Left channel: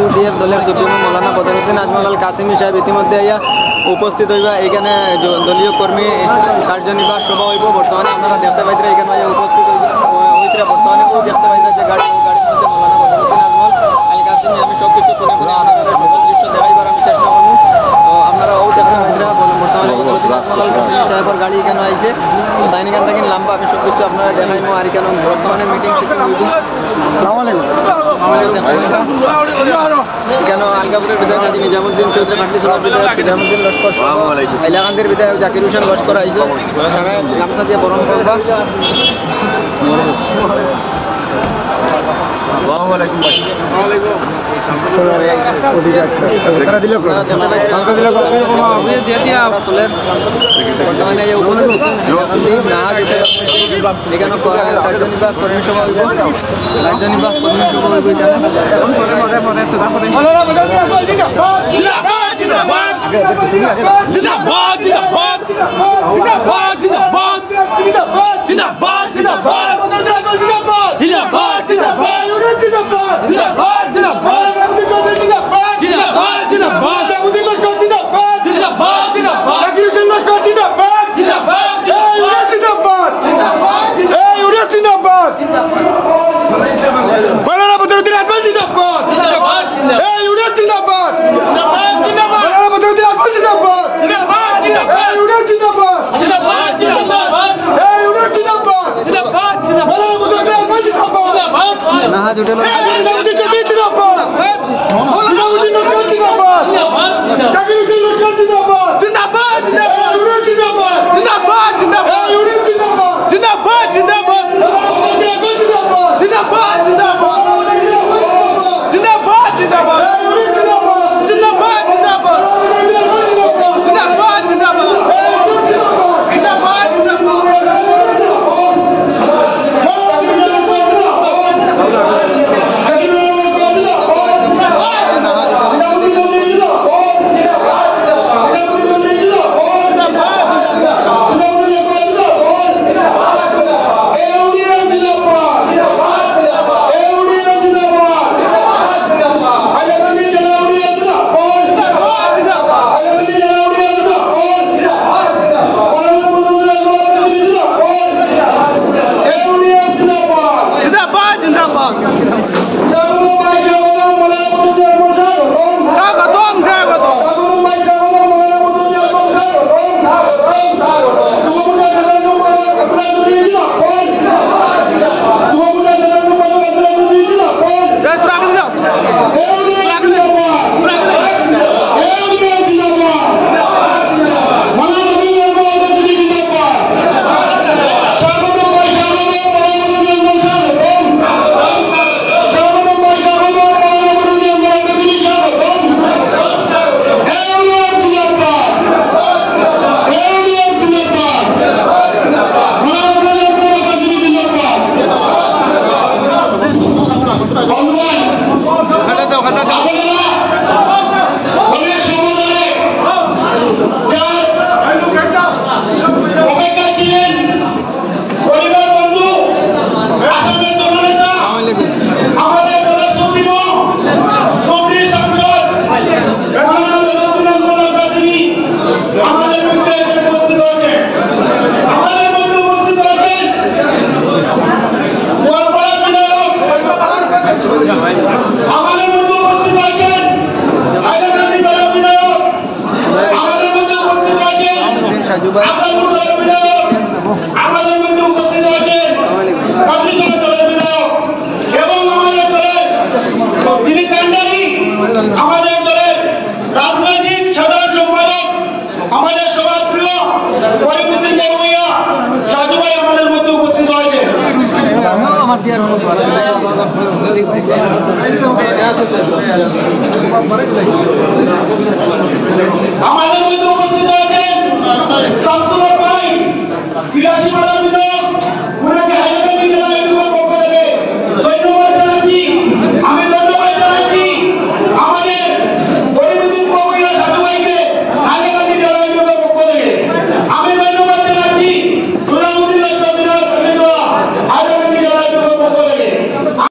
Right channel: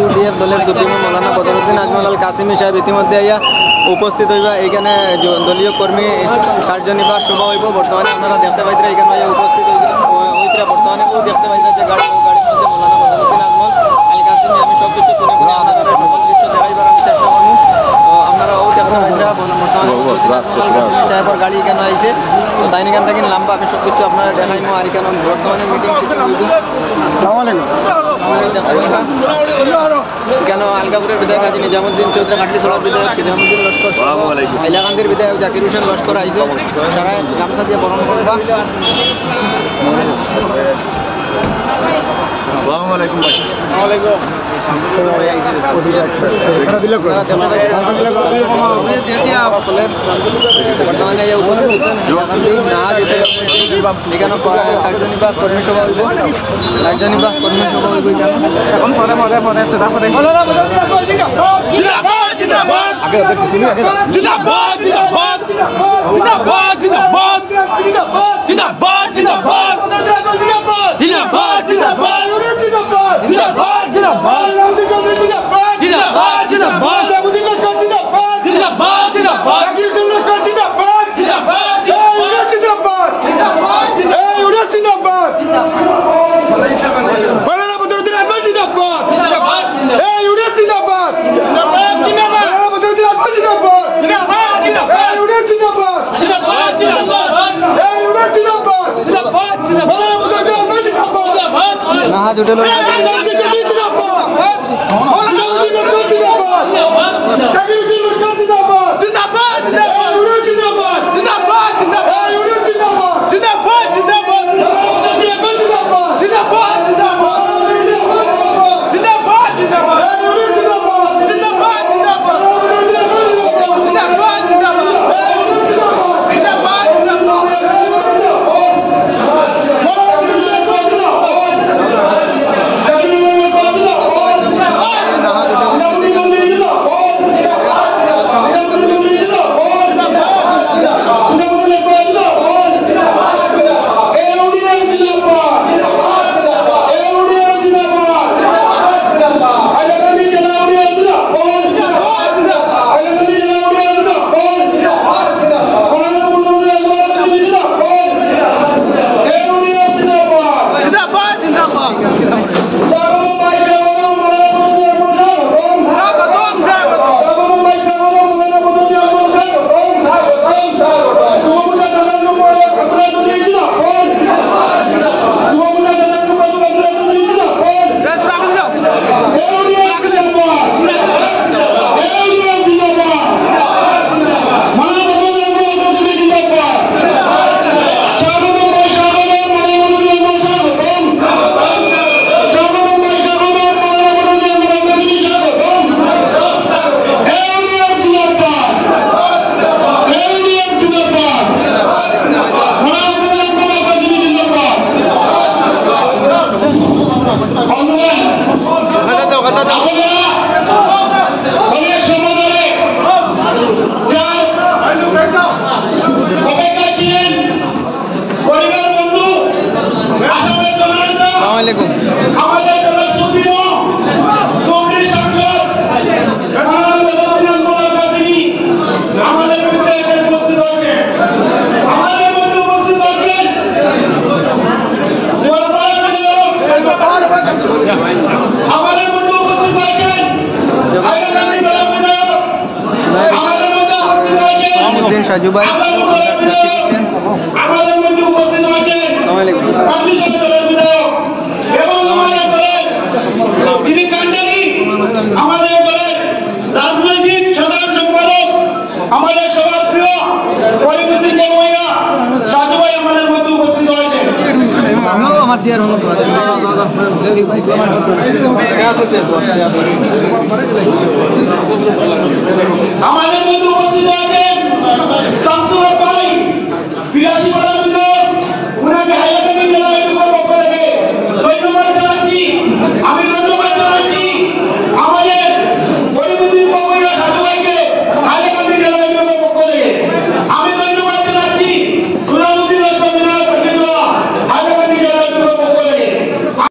UDF দলের supremo মৌলানা বদরুদ্দিন আজমল আল কাসিমি সাহেব ইতিমধ্যে আইয়া উপস্থিত হইবা। এইখানে দলীয় কর্মী কার্যনির্বাহ সভা হইব। বর্তমানে আপনারা দেখতে পাইতরা এখানে আইয়া উপস্থিত হইতরা। বর্তমানে ও দেখতে পাইতরা যে গাড়ির মধ্যে মৌলানা বদরুদ্দিন আজমল আল কাসিমি। আমি সব কিছু তুলে করে আপনাদের সকল দৃশ্য দেখাইবার আমি চেষ্টা করবো। তো আপনারা ও দেখতে পাইতরা বর্তমানে বদরুদ্দিন আজমল আল কাসিমি সাহেবের গাড়ি এখানে আইছে। তো তাই এখান থেকে লম্বা আমি সব কিছু আপনারা দেখাইবো। আর এখানে বর্তমানে মিটিং সিটিং হইব। দেখতে পাইতরা কেন আলগাপুরের বিধায়ক হাজী নিজামুদ্দিন চৌধুরী, খাটলি চলার বিধায়ক নিজামুদ্দিন লস্কর, হাইলাকান্দির বিধায়ক জাকির হোসেন লস্কর আইছে। সারা গামছা দিয়ে বরণ করবা। বর্তমানে উপস্থিত হচ্ছেন হাইলাকান্দি নাহাজ এখানে কার্যনির্বাহ কর্মী সভা হইব। কার্যনির্বাহ কর্মী সভা হইব নাহাজ হোটেল আমাদের সবার প্রিয় পরিবর্তন সাজু ভাই আমাদের মধ্যে উপস্থিত হয়েছে। আমাদের মধ্যে উপস্থিত হয়েছেন শামসুর ভাই 82